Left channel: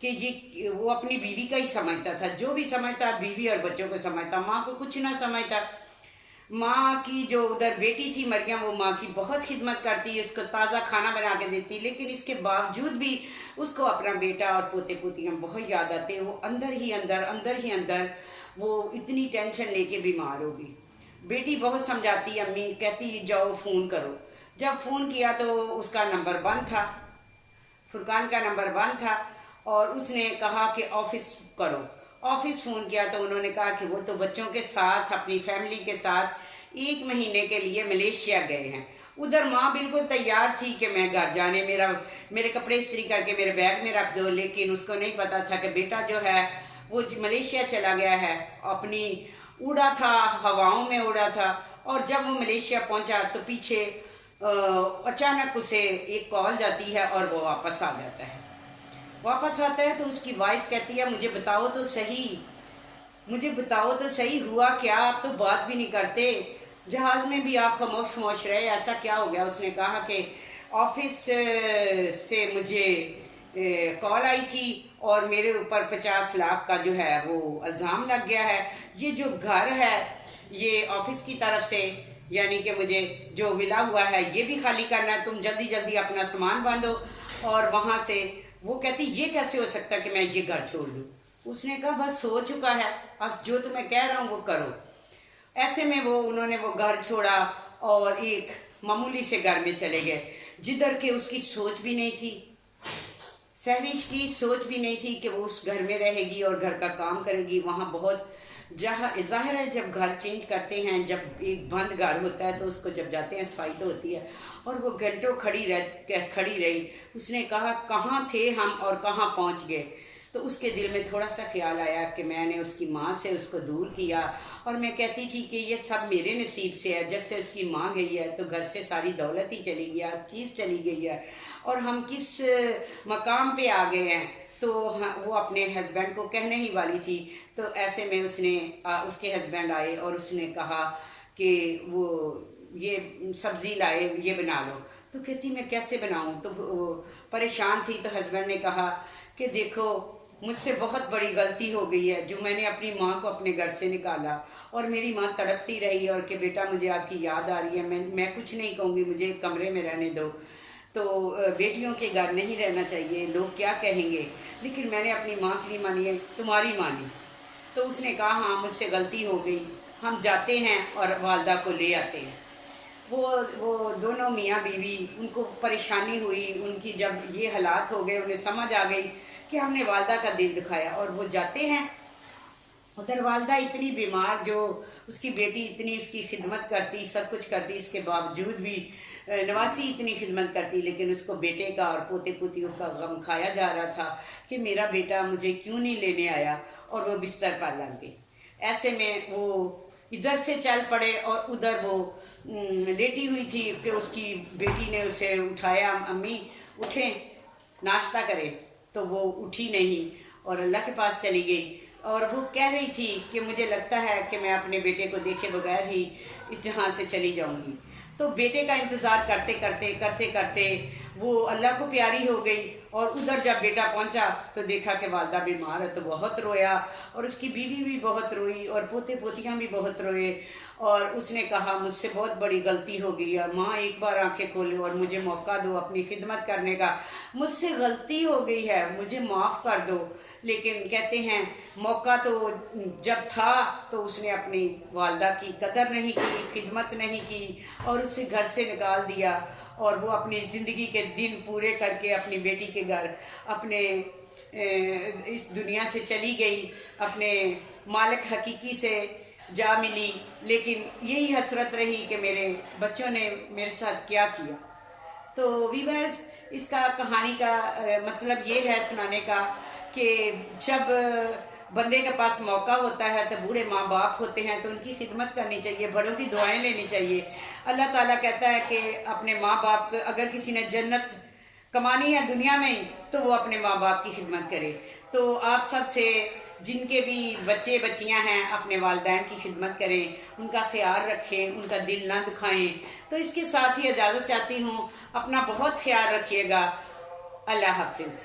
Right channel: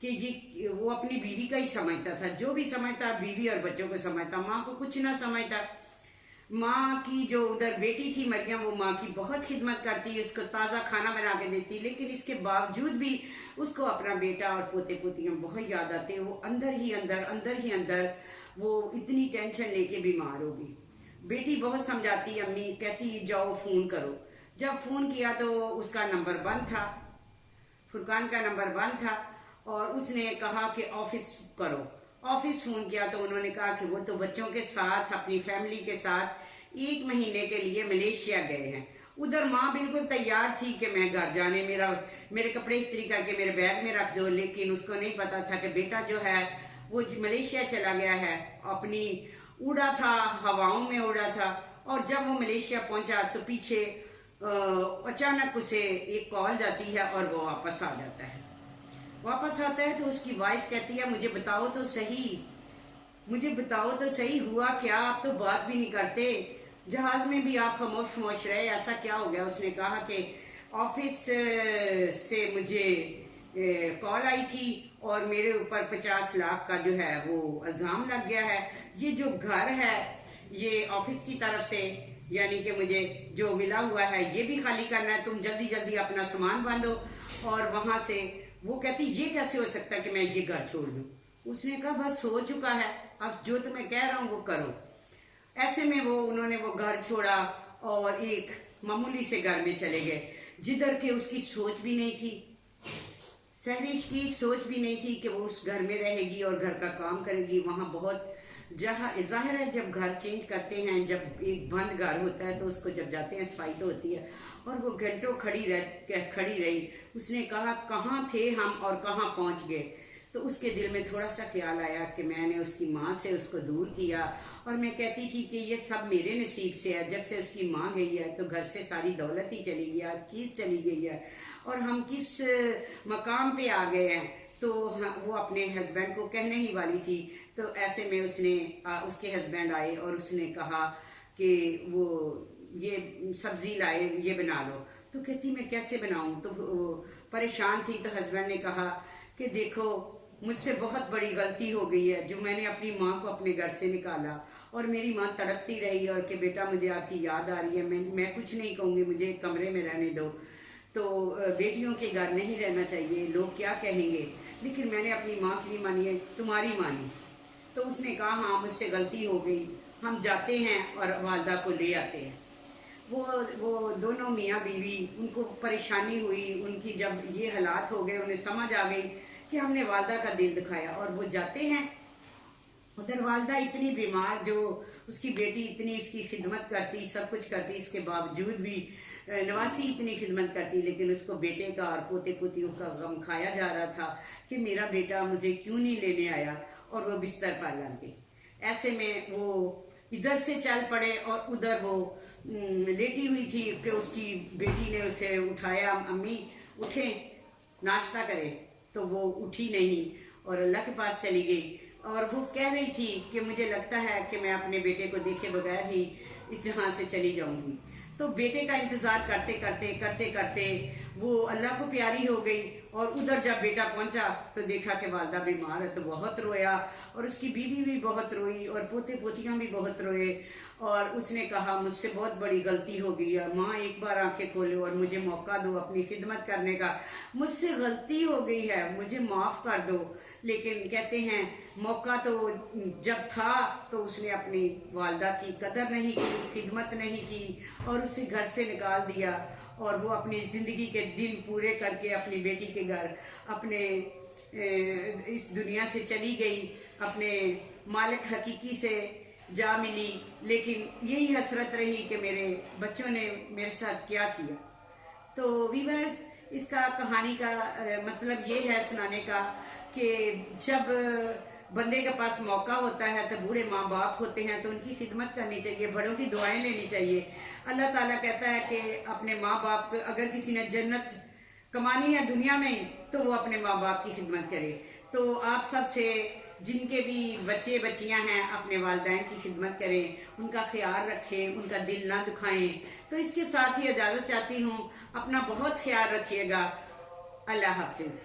کہ یہ وہ اپنی بیوی کا ہی سمجھتا تھا، جو بھی سمجھتا بیوی اور بچوں کو سمجھتا، ماں کو کچھ نہ سمجھتا۔ ماں کی جو ادھر بیٹی تھی مریم، وہ ماں کی بہت خدمت کرتی، اس کو تازہ کھانا بنا کے دیتی، لیکن اس کے باوجود بھی اس کو اپنا بیٹا اور پوتے پوتیاں بہت یاد آتے۔ وہ اندر ہی اندر وہ اتنی ٹینشن لے کے بیمار ہوگی۔ بیٹی بہت سمجھاتی، امی کہتی جاؤ فون کرو۔ جب فون کیا تو اس کا نمبر بند تھا، فرقان کا نمبر بند تھا، اور اس نے کہا کہ آفس کرو۔ آفس فون کیا تو انہوں نے کہا کہ وہ تو بچوں کے ساتھ اپنی فیملی کے ساتھ 1 مہینے کے لیے ملیشیا گئے ہیں۔ ادھر ماں بالکل تیار تھی کہ میں گھر جانے، میرے کپڑے استری کر کے میرے بیگ میں رکھ دو، لیکن اس کو نہیں پتا تھا کہ بیٹا جو ہے وہ ملیشیا چلا گیا ہے، اپنی اڑا تھا، ہواؤں میں اڑا تھا، اور جب وہ ملیشیا پہنچا تو پیچھے اچانک اسے ایک کال جاتی ہے اور وہ واپس آ جاتا ہے۔ واپس آتا ہے تو اس کی وائف کہتی ہے مجھے بتاؤ تو صحیح ہوا کیا، آپ تو بات بھی نہیں کرتے، جہاز میں بھی آپ خاموش رہے، ایسا کیا ہو گیا؟ اس نے کہا کہ آفس سے مجھے کال آئی تھی اور میرے اوپر 50 لاکھ کا جو ہے وہ الزام لگ گیا ہے، یہ جو گھر ہے یہ آفس کی طرف سے، یعنی کہ مجھے جو ملا ہوا ہے یہ بھی خالی کرنا ہے، تم جلدی اپنا سامان باندھو۔ اور وہاں سے وہ کہتی یہ کیسے ہو سکتا کہ میں یہ گھر چھوڑ دوں؟ اس نے کہا بس ہو چکا ہے، اب جو تمہیں کہہ رہا ہوں وہ کرو۔ ایسے میں انہوں نے وہ گھر چھوڑا اور ایک معمولی سے گھر میں چلے گئے، جدھر کہ اس کی سوچ بھی نہیں تھی، سہریش کی سوچ بھی نہیں تھی کہ وہ اس گھر میں رہے گی اور گھر کا کام کرے گی۔ وہاں بہت ظاہر ہے جب گھر چینج کرتے ہیں، جب ایک بند گھر ہوتا ہے تو اس کو جب جاتے ہیں صفائی تو ہوتی ہے، اور وہ گھنٹوں کھڑی رہی۔ اس نے کہا کہاں تھے ہم اور کہاں پہنچ گئے؟ تو اس کے دل میں تھوڑا سا خیال آیا کہ میں نے اس کی ماں سے اس کو دور کیا، اور میں کہتی تھی کہ یہ سب میرے نصیب سے ہے، جب سے اس کی ماں گئی ہے تو گھر سے ساری دولت ہی چلی گئی، ہر چیز چلی گئی ہے، اور ہم کس مقام پہ آ گئے ہیں۔ تو وہ اپنے ہسبینڈ کو کہنے ہی والی تھی، تو ایسے میں اس کے ہسبینڈ آئے اور اس نے کہا کہ وہ یہ سبزی لائے، یہ بنا لو۔ تو کہتی میں کیسے بناؤں؟ تو وہ پریشان تھی، تو ہسبینڈ نے کہا کہ دیکھو مجھ سے بہت بڑی غلطی ہو گئی ہے جو میں نے اپنی ماں کو اپنے گھر سے نکالا، اور میری ماں تڑپتی رہی اور کہ بیٹا مجھے آپ کی یاد آ رہی ہے، میں کچھ نہیں کہوں گی، مجھے ایک کمرے میں رہنے دو۔ تو بیٹیوں کے گھر نہیں رہنا چاہیے، لوگ کیا کہیں گے، لیکن میں نے اپنی ماں کی نہیں مانی ہے، تمہاری مانی۔ تو اس نے کہا ہاں مجھ سے غلطی ہو گئی، ہم جاتے ہیں اور والدہ کو لے آتے ہیں۔ وہ دونوں میاں بیوی، ان کو پریشانی ہوئی، ان کی جب یہ حالات ہو گئے انہیں سمجھ آ گئی کہ ہم نے والدہ کا دل دکھایا، اور وہ جاتے ہیں۔ ادھر والدہ اتنی بیمار، جو اس کی بیٹی اتنی اس کی خدمت کرتی، سب کچھ کرتی، اس کے باوجود بھی نواسی اتنی خدمت کرتی، لیکن اس کو بیٹے کا اور پوتے پوتیوں کا غم کھایا جا رہا تھا کہ میرا بیٹا مجھے کیوں نہیں لینے آیا، اور وہ بستر پر لگ گئی۔ ایسے میں وہ ادھر سے چل پڑے، اور ادھر وہ لیٹی ہوئی تھی کہ اس کی بیٹی نے اسے اٹھایا، امی اٹھیں ناشتہ کرے، تو وہ اٹھی نہیں اور اللہ کے پاس چلی گئی، اور وہ کہہ رہی تھی کہ مجھے لگتا ہے کہ میں اپنے بیٹے کو دیکھے بغیر ہی اس جہاں سے چلی جاؤں گی۔ تو بیٹے کا انتظار کرتے کرتے وہ اللہ کو پیاری ہو گئی، اور ادھر جب بیٹا پہنچا تو دیکھا کہ والدہ بیمار ہے، تو بہت رویا، اور اس کی بیوی بھی بہت روئی، اور پوتے پوتیاں بھی بہت روئے، اور اس نے کہا مجھ سے بہت بڑی غلطی ہو گئی ہے ماں، ایک بار آنکھیں کھولو اور مجھے موقع دو اپنی خدمت کرنے کا، مجھ سے غلطی ہو گئی ہے، مجھے معاف کر دو۔ لیکن کہتے ہیں موقع تو جب تھا تو اس نے اپنی والدہ کی قدر نہیں کی، خدمت نہیں کی، اور اسے گھر سے نکال دیا، اور وہ اپنی زندگی کے دن پورے کر کے اپنی بیٹی کے گھر اپنے اس دنیا سے چلی گئی، اپنے مالک حقیقی سے جا ملی، لیکن یہی حسرت رہی کہ میرے بچوں نے میرے ساتھ کیا کیا۔ تو ویورز، اس کا کہانی کا مطلب یہ ہے سنانے کا کہ جب بندے کے پاس موقع ہوتا ہے تو بوڑھے ماں باپ ہوتے ہیں تو ان کی خدمت کرنی چاہیے، بڑوں کی دعائیں لینی چاہیے۔ اللہ تعالیٰ کہتا ہے کہ اپنے ماں باپ کو، اگر کسی نے جنت کمانی ہے دنیا میں تو وہ اپنے ماں باپ کی خدمت کرے۔ تو آپ سب سے، جن کے بھی بچے بچیاں ہیں، اپنے والدین کی خدمت کریں، ان کا خیال رکھیں، ان کا دل نہ دکھائیں۔ تو اس کے ساتھ ہی اجازت چاہتی ہوں، اپنا بہت خیال رکھیے گا۔ اللہ حافظ۔